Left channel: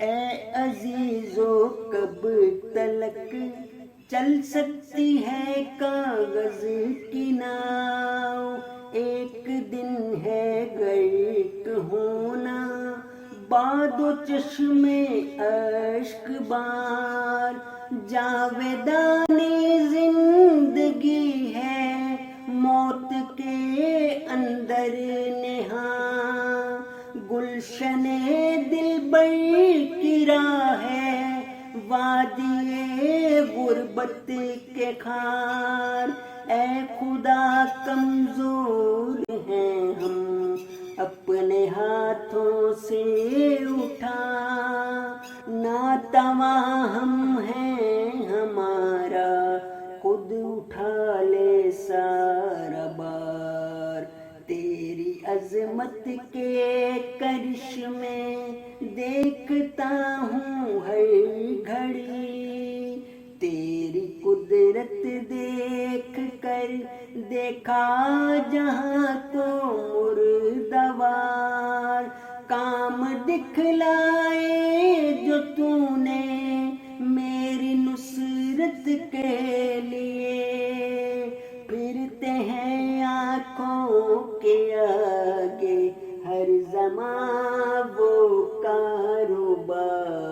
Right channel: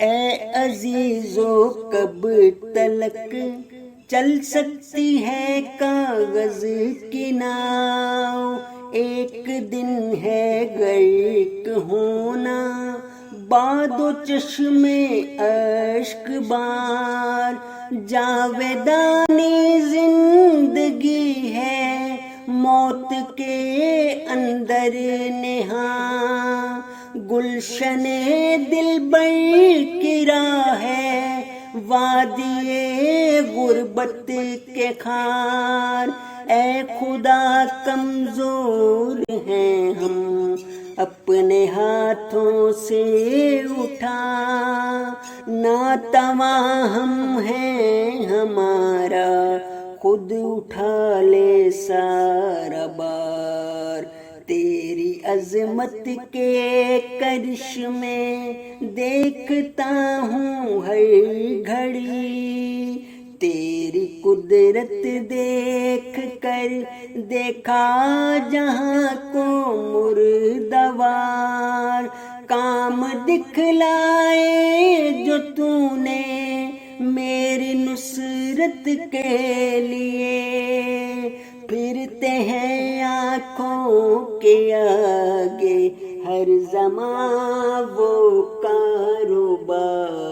اے عزیزو کب تلک چل سکتی ہے کاغذ کی ناؤ، ایک دن ہے غرق ہونا باد و چشم اشک بار، جاویدانی زندگی ہے موت کے اندر نہاں، گلشن دلبر کی راہ ہے وادی غربت کے خار، اے خدا کمزور ہیں ہم اپنے ہاتھوں سے اٹھا، ناتواں ہم ہیں ہمارا خود اٹھا لے سارا بار، تیری عظمت کے کرشمے دیکھتا ہوں ہر گھڑی، تیری قدرت دیکھ کر دیکھا جہاں کو مردوار، کام دکھلائے جو تو نے میری نصرت کے لیے، پھرتے ہیں آنکھوں کے آگے ہر زمان وہ کاروبار۔